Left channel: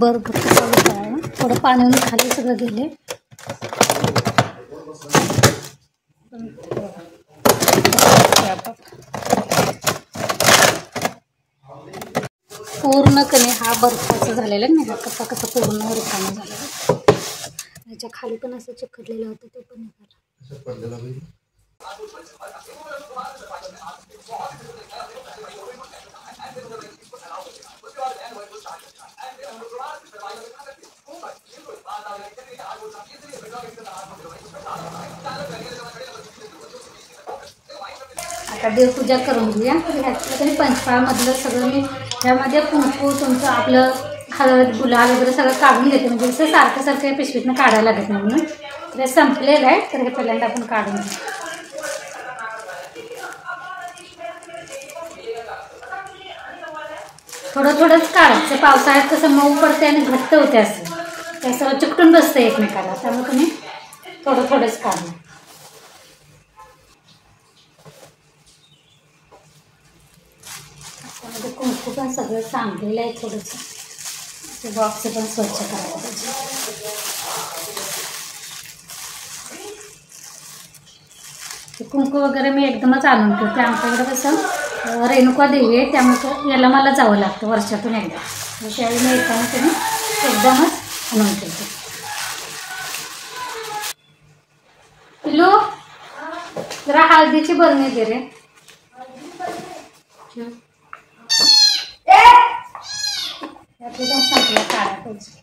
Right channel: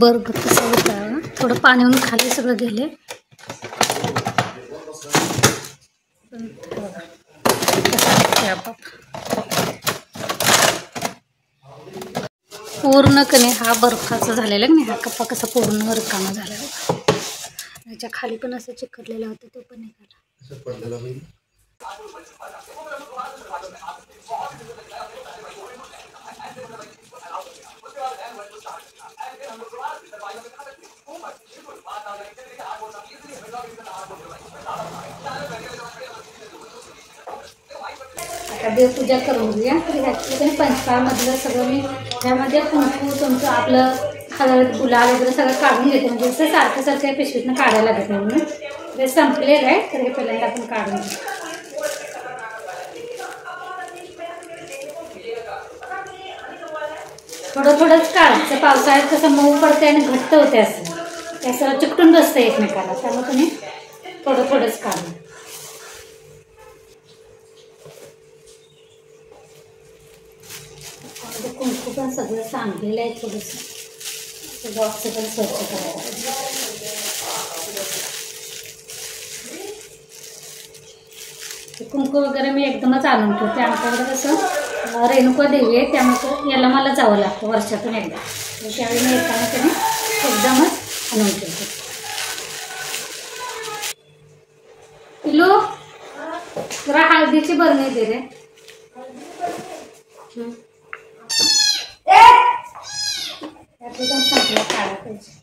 बरं चालू करावं. थोडं पाण्याहून खाली सगळं गेले. पूर्ण कने हा बर्फाचा झालेला नाही. हा कप्पा कसा पूर्ण रिकामा झालेला. याच्या खाली पण असं चिकटलेला होता, तो पण निघाला. आता देवपूजा करून घेऊया. तर ह्याच्यामध्ये पंचपाळमधलं सगळं मी ह्यामध्ये कुंकू तुमचं आपलं हळद गुलाल वगैरे सगळं काढून घेते. म्हणजे असं सारखं सारखं पिशवीतनं काढायला लागत नाही म्हणून. हे संपलेलं आहे, तर हे पहिल्यांदा आपण काढून घेऊ. थोडं थोडंच काढायचं. पावसाळ्यात कसं मऊ पडते आणि घट्ट होते, असं त्याचं चिकटून बसतं एकमेकाला. त्यामुळे तुम्ही थोडं थोडंच काढू. त्यामध्ये कुंकू पण सगळं सांडलेलं आहे. थोडंसं बॉक्स पण स्वच्छ करायला पाहिजे. कुंकू वगैरे मी एकदमच आणून ठेवते. आमच्याकडे कसं रेणुका देवी आहे, त्यामुळे याला मला जावं लागतं वर्षातून एकदा. त्यावेळी मी येताना तरी एकदमच आणून ठेवते. पिलू जरा हळदीची बरणी दे रे. यातली पण संपलं काढा पाहिजे.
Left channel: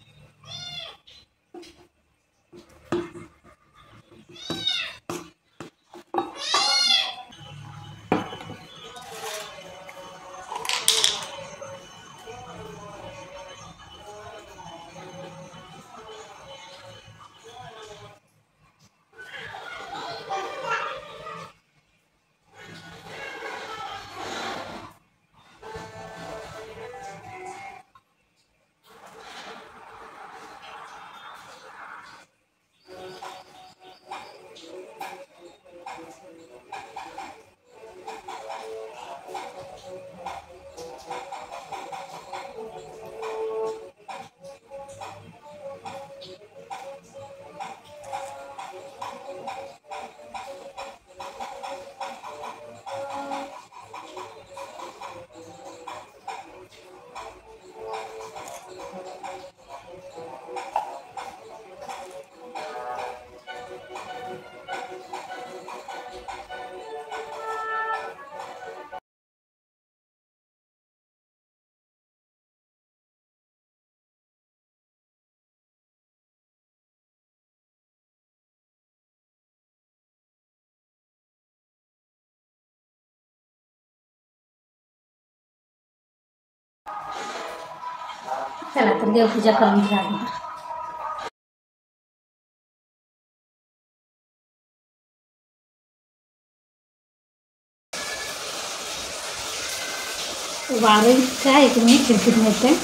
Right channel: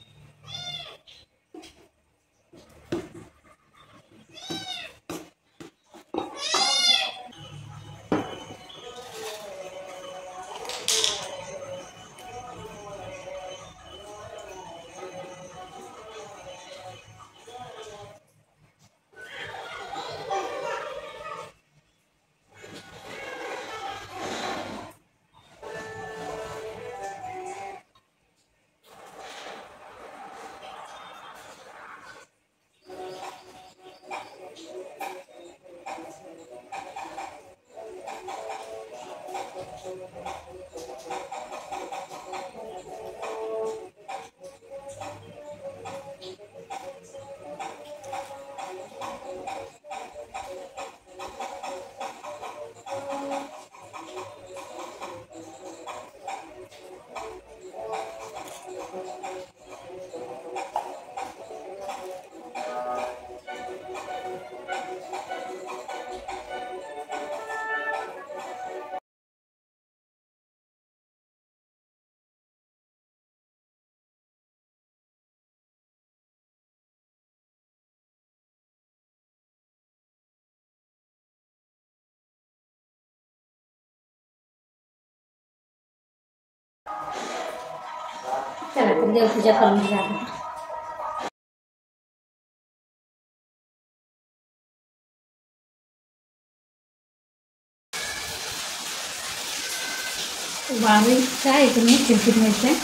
चला तर देवपूजा करून घ्या. वारं इतकं आहे तुम्ही खिडकीत मिळते.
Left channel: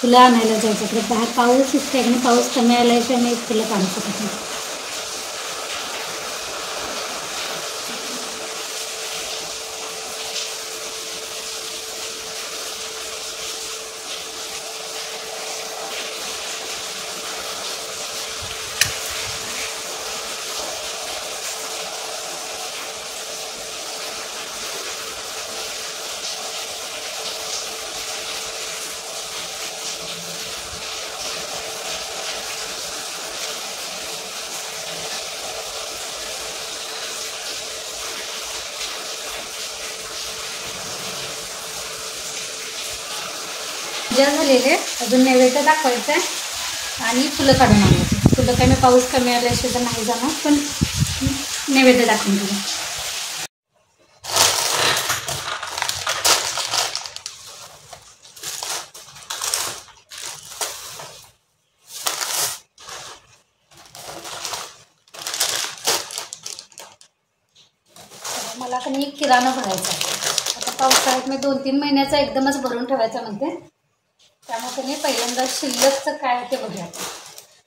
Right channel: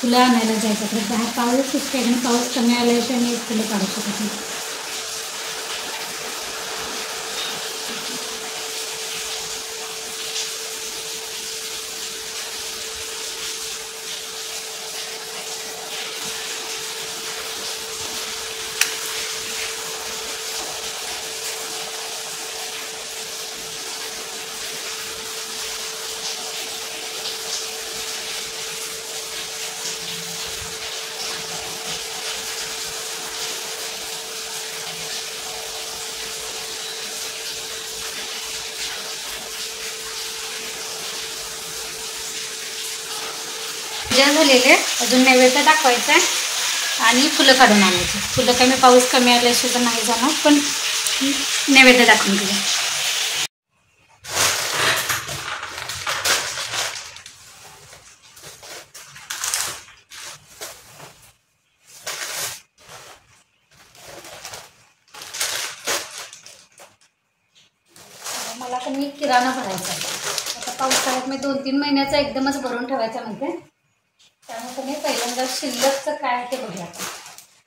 फुलं आणायला जायचं तर बाहेर पाऊस इतका आणि पाऊस कमी आल्याशिवाय मी फुलं काढू शकत नाही. पूजा झालेले, अजून नैवेद्य दाखवायचा आहे आणि फुलं काढून आणायची. फुलं काय मी पाऊस कमी आल्याशिवाय तर नाही जाणार, पण नैवेद्य दाखवून घेऊया. मला कधी किराणा भरायचा आहे. आता पावसाळ्यात मी 2-3 महिन्याचा एकदमच भरून ठेवायचा म्हणते. त्यामुळे कधी पहिल्यांदा शिल्लकचं काय ते बघूया आपण.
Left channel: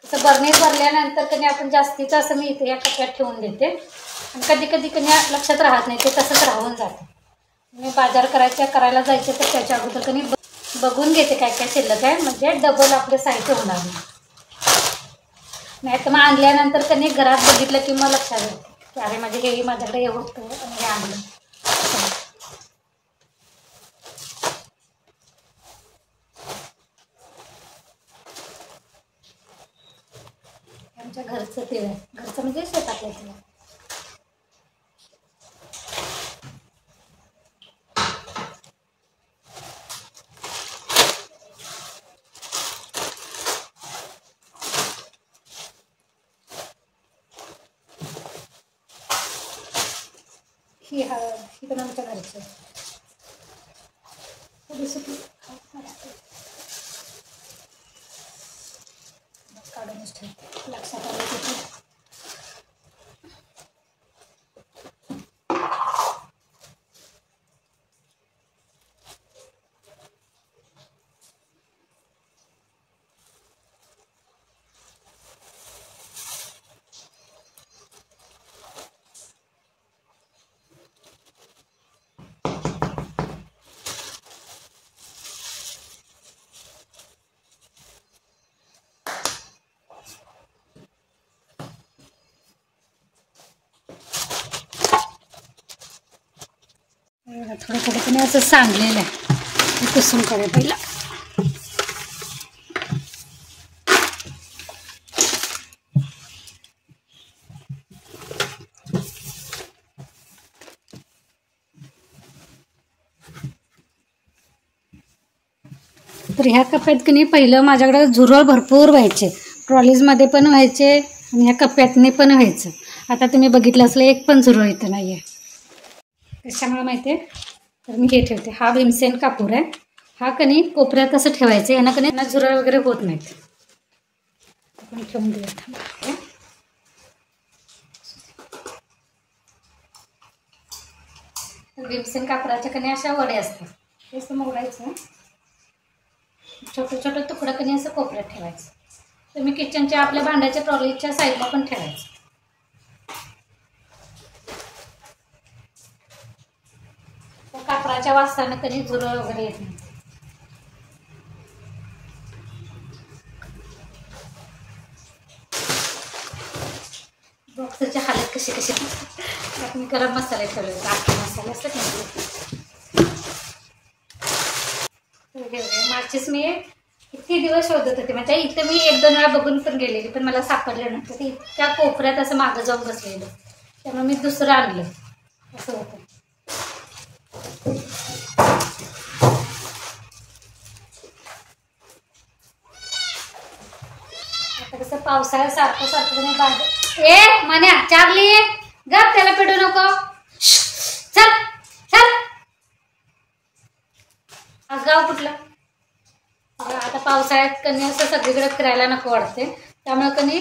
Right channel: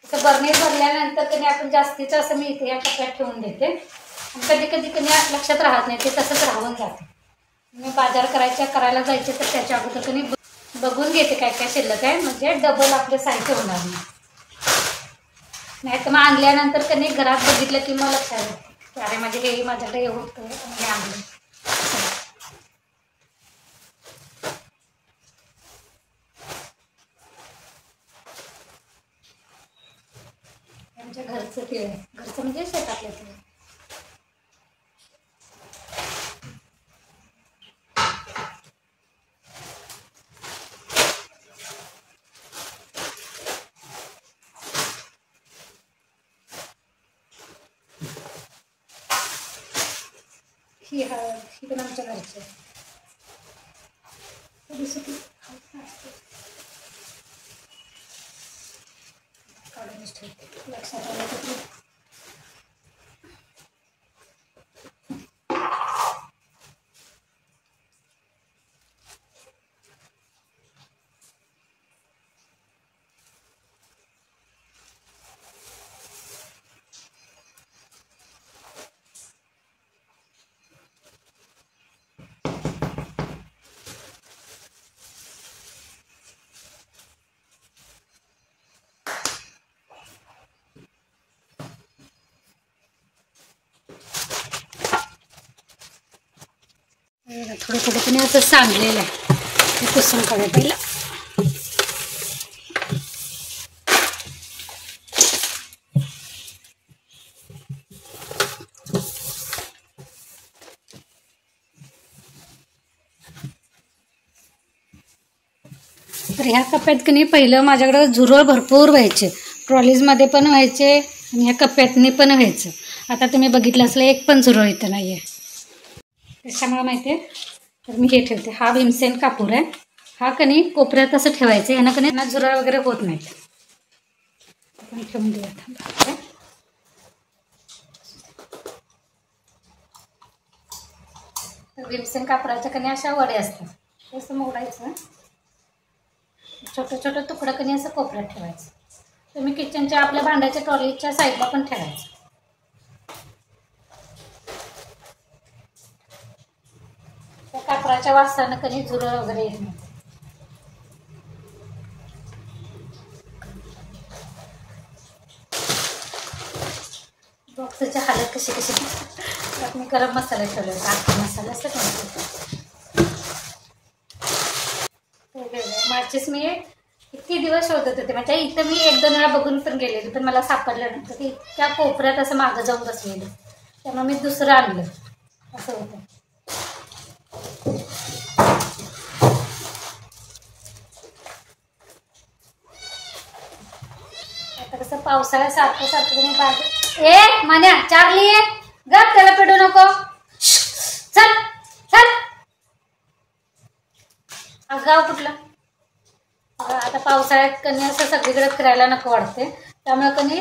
तसं बरणी भरल्यानंतर कधी आपण जास्तीचं असं मी इथे या कप्प्यात ठेवून देते आणि कधी कधी कधी लक्षात राहत नाही, ते तसंच राहून जाते. मी बाजार करायला जायचे तर त्याच्या अगोदर कधी बघून घेते काय काय शिल्लक आहे, म्हणजे डबल आपलं साहित्य होणार नाही तर मग आणल्यानंतर कधी घरात बघितलं की मग लक्षात येते की अरे माझे हे माझ्याकडे हे होतं आणि हे आणलं. आमच्या घरचं तीळ आहे, घरचं म्हणजे शेतातलं तीळ. ही हळद ही पण आमच्या घरची आहे. काढूनच ठेवते, लक्षात आलं की थोडं थोडं पण असं सांडलेलं आहे, ते पुसून काढूया पहिला. तर ह्या कप्प्यात की नाही पहिलं माझ्याकडे झुरळ भरपूर व्हायचे, ट्रॉलीजमध्ये पण व्हायचे आणि ह्या कप्प्यातनी पण व्हायचं. आता तुम्ही बघितलं असलं एक पण झुरळ इथं नाही आहे. त्याच्यामुळे माहिती आहे तर मी हे ठेवते. हा भीमसेन कापूर आहे, हा कणी कोपऱ्यात असं ठेवायचं, ह्यानं कणी झुरळ वगैरे होत नाहीत. आपण ठेवून देऊया थांबा. भीमसेन कापराच्या कणी अशा वडे असतात, हे असं मोडायचं, छोटं छोटं तुकडं कणी असं कोपऱ्यात ठेवायचं. तुम्ही किचनच्या आपल्या भांड्याच्या ट्रॉलीच्या साईडला पण ठेवायचं. त्या कापराच्या वासानं कधी झुरळ वगैरे येत नाही. बॉक्सची हालत कशी कशी. त्यात मी गरम मसाले ठेवले होते, आखी मसाले असतात ना. माचीस मी किती दिवस शोधत होते, म्हणजे इथं मी 1-2 वेळा बघून पण गेलेली, पण मला सापडलं नव्हतं. ते इतक्या कोपऱ्यात असं मागं जाऊन बसलेलं, त्यामुळे मी दुसरं आणलं. असं होतं. आता कसं पावसाळ्यासारखं तुम्ही बाजार मान्या चारली गप, त्याला पिडू नको, चल चल. गाव कुठलं. आता पावसाळ्यात कणी असं सगळीकडे फिरायला नको वाटते, त्यामुळे कणी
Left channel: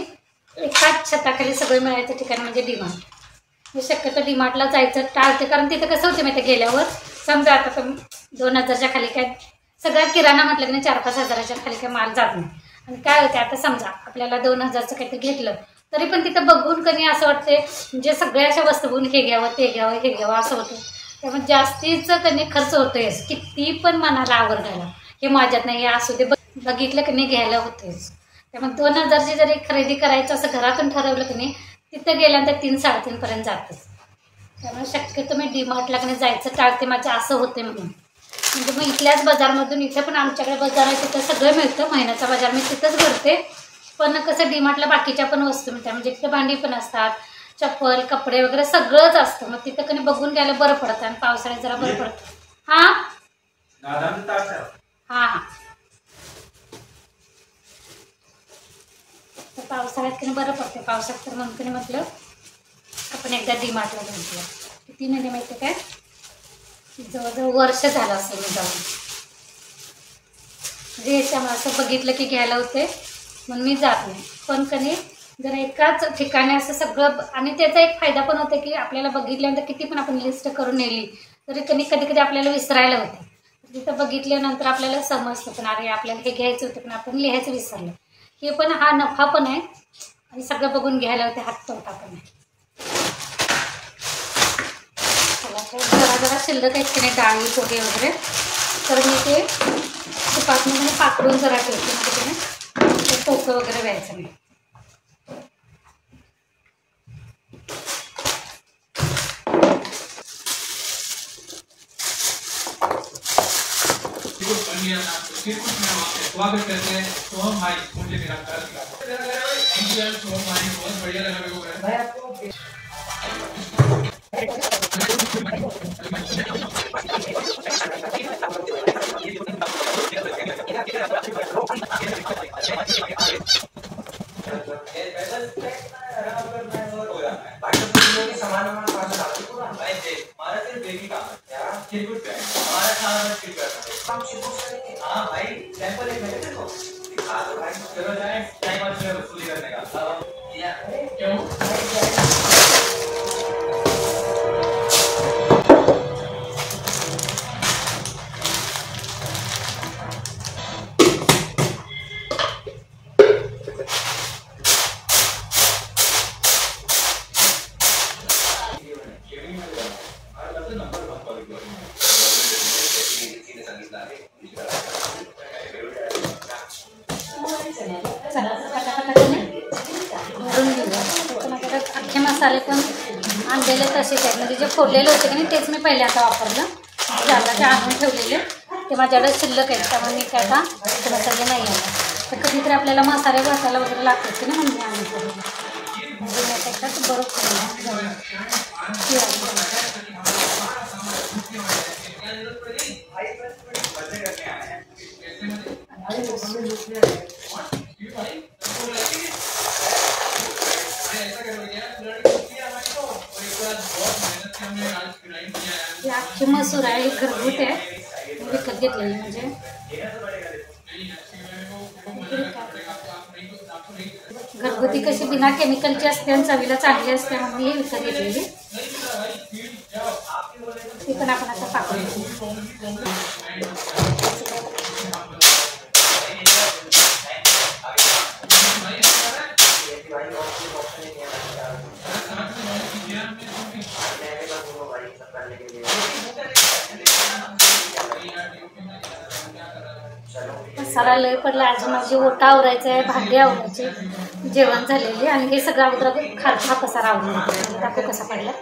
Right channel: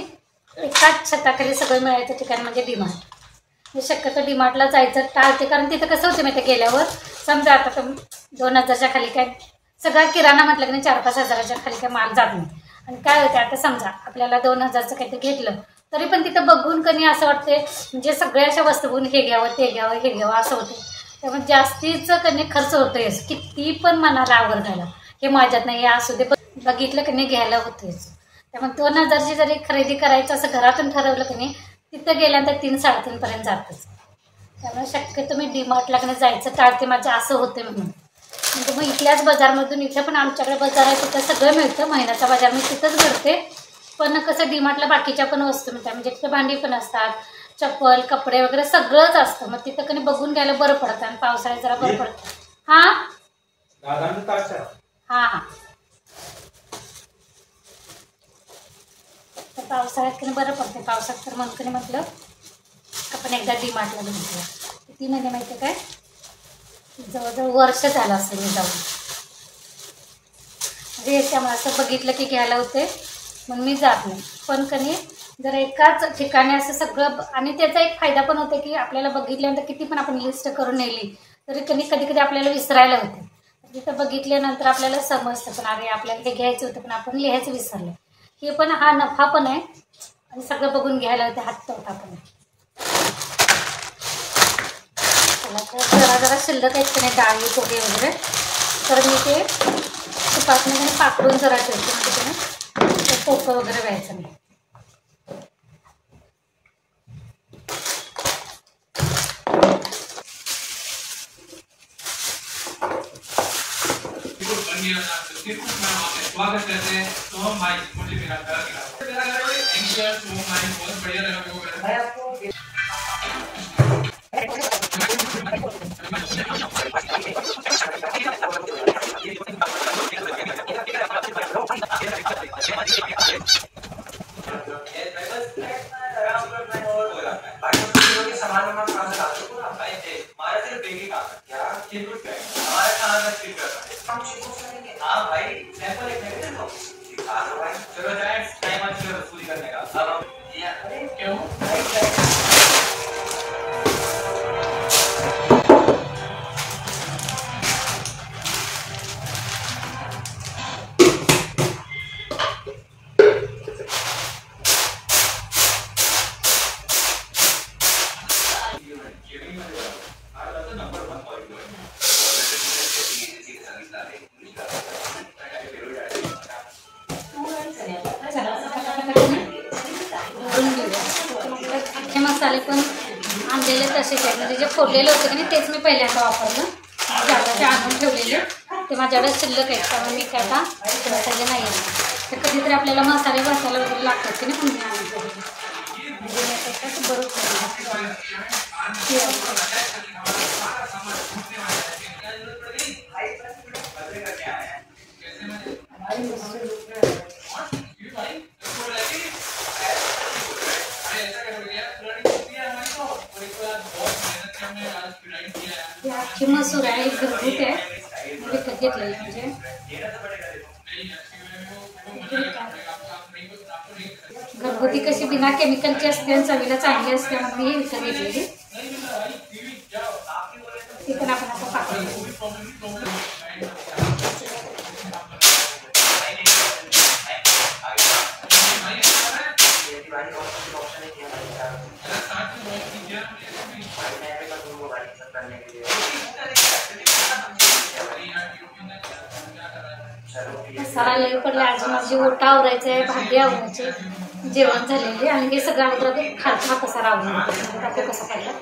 एकाच छताखाली सगळं मिळायचं ठिकाण म्हणजे डीमार्ट. मी शक्यतो डीमार्टला जायचं टाळते, कारण तिथं कसं होतं माहिती गेल्यावर समजा आता 2000च्या खाली काय सगळा किराणा म्हटलं की नाही 4-5 हजाराच्या खाली काय माल जात नाही. आणि काय होते आता समजा आपल्याला 2000चं काहीतरी घेतलं तरी पण तिथं बघून कणी असं वाटते म्हणजे सगळ्या अशा वस्तू बघून हे घ्यावं ते घ्यावं हे घ्यावं असं होतं. त्यामुळे जास्तीचं कणी खर्च होतोयच, किती पण मनाला आवडतायला हे माझ्यात नाही असू दे बघितलं की नाही घ्यायला होतेच. त्यामुळे 2000ची जरी खरेदी करायचं असं घरातून ठरवलं की नाही तिथं गेल्यानंतर 3-3.5 पर्यंत जातच. त्यामुळे शक्यतो मी डीमार्टला की नाही जायचं टाळते, माझं असं होते म्हणून. म्हणजे मग इथल्याच बाजारमधून, इथं पण आमच्याकडे बाजार आहे तिथं सगळं मिळतं, महिन्याचा बाजार मी तिथंच भरते. पण कसं डीमार्टला बाकीच्या पण वस्तू मिळतात, म्हणजे तिथं भांडी पण असतात, चप्पल कपडे वगैरे सगळंच असतं. मग तिथं कधी बघून घ्यायला बरं पडतं आणि पावसाळ्यात जरा बरं पडतं. हां हां हां. तर पावसाळ्यात कधी बरं पडते, पावसात तर म्हणून कधी म्हटलं आपण एकदा डीमार्टला घेतलं. किती महिने माहिती काय, जवळजवळ वर्ष झालं असेल मी जाऊन. म्हणजे त्यामुळे असं बघितलं की घ्यायला होते म्हणून मी जात नाही. पण कधी जर एकाच ठिकाणी असं सगळं, आणि त्याचा एक फायदा पण होतो की आपल्याला बघितल्यानंतर किती पण आपण लिस्ट करून नेली तरी कधी कधी आपल्याला विसरायला होते. तिथं बघितल्यानंतर आपल्याला समजतं पण अरे आपल्याला हे घ्यायचं होतं पण आपण लिहायचं विसरलं. हे पण हा नफा पण आहे आणि सगळं बघून घ्यायला होते, हात तोटा पण आहे. जरा जरा शिल्लक आहेत की नाही डाळी पोहे वगैरे, तर मी ते तुपातनं पाकडून जरा ठेवते म्हणजे की नाही पोकं वगैरे व्हायचं नाही. स्वागत करते हैं। तो हम मुझे मेरा घर बहुत बढ़िया लगा मेरे को भाई आपको। हाँ भाई सैंपल एक मेरे दे दो, दिखा दो भाई। चलो जाए टाइम आज मेरा वसूली करने का। अब क्यों भरून घेऊया. पण आपल्याला अख्खे मसाले पण आणलेले तसेच आहेत, म्हणजे जे फोडलेले होते की नाही तेच मी पहिले आता वापरलं. जागाचे आणून ठेवलेले ते माझ्याकडे शिल्लक आहेत, त्यामुळे मी काय आता अख्खे मसाले नाही आणले. तर कधीतरी आपल्याला मसाले भाजायला वगैरे लागतात की नाही म्हणून मी आणून ठेवलेले. म्हणजे मी आता एकदाच बरंच अख्खी मसूर आहे, घरगुती आहे, विकत घेतलेली. म्हणजे घरगुती कशी बिना केमिकलची असते आणि चवीला चांगली असते म्हणून ही विकत घेतलेली. ती पण आपण आता पाकळी मसाला लई पडला. अजून माझी ओटा आवरायचं आहे, भांडी आवरायचे, जेवण झालेले, आणि हे सगळं अगोदर खालचा पसारा आवरून घेतो. दाखवू कसा पडला.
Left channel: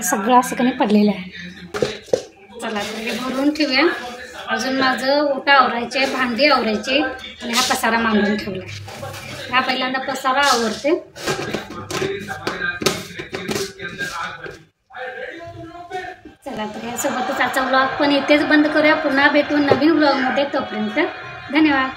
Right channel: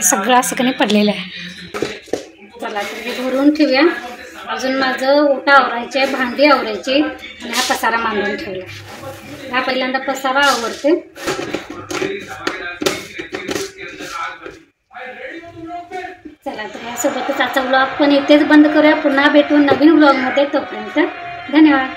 सगळं असं काही पडलेलं आहे. चला हे भरून ठेवूया. अजून माझं ओटा आवरायचे, भांडी आवरायचे, आणि हा पसारा मांडून ठेवला. हा पहिल्यांदा पसारा आवरते. चला तर यासोबतच आजचा ब्लॉग पण इथेच बंद करूया. पुन्हा भेटू नवीन ब्लॉगमध्ये. तोपर्यंत धन्यवाद.